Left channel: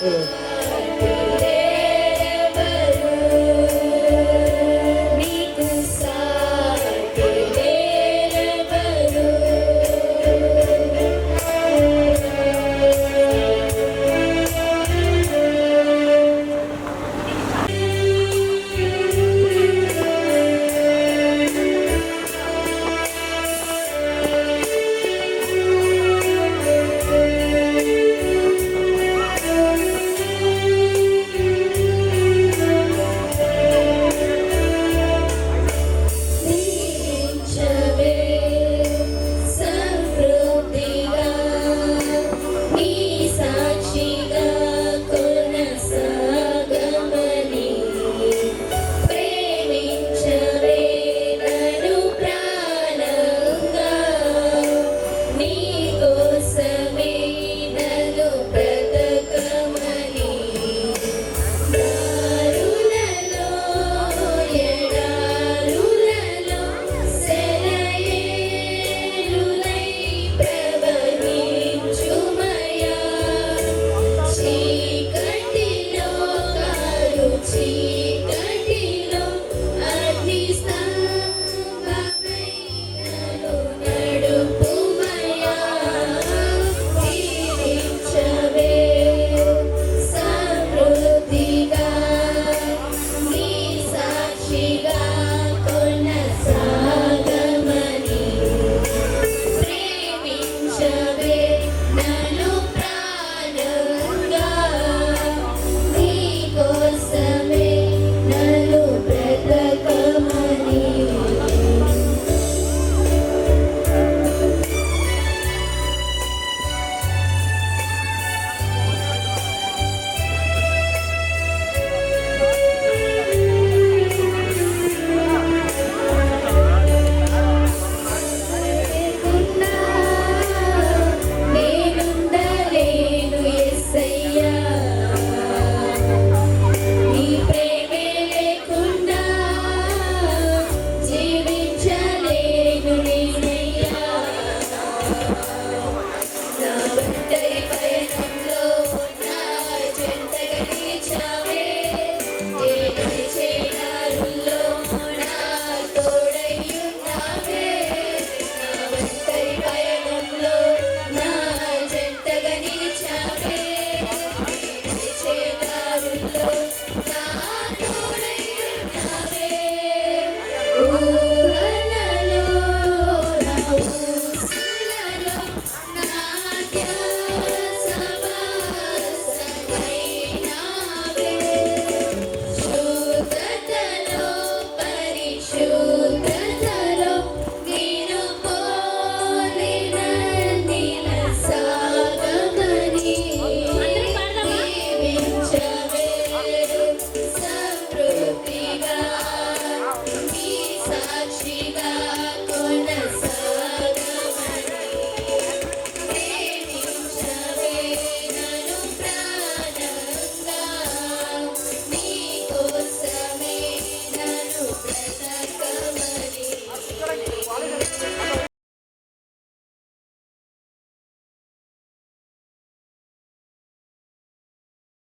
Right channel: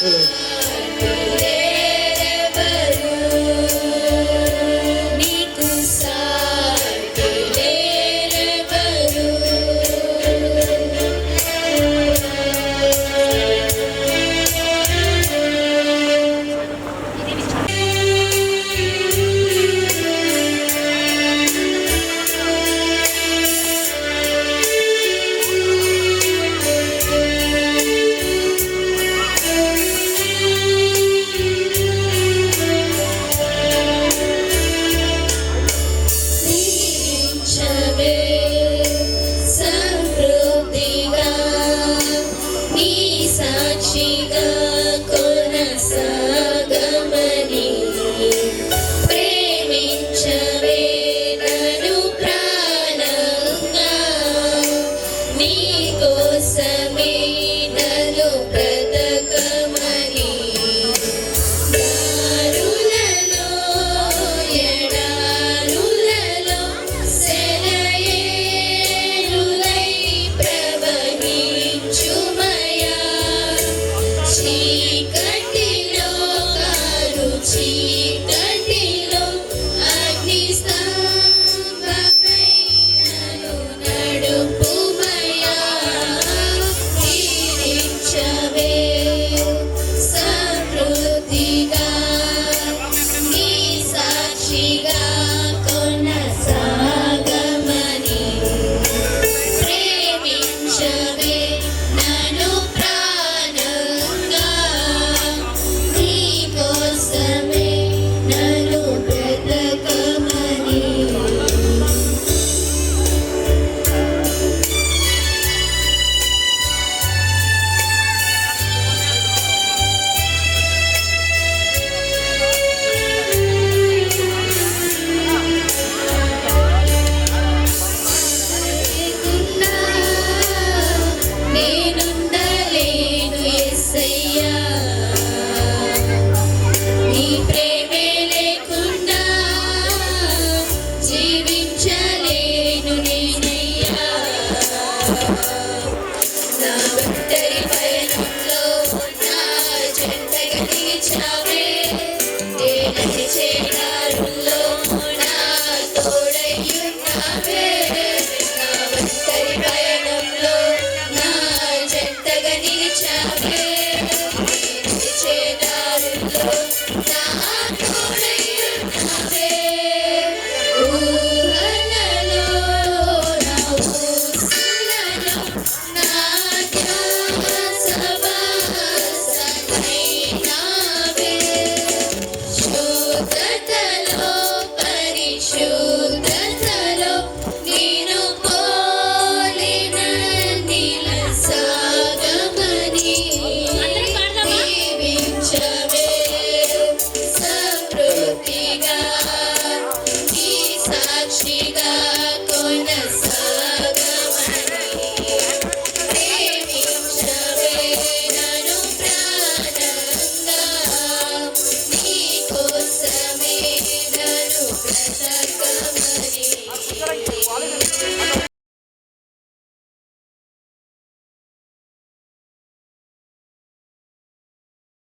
不能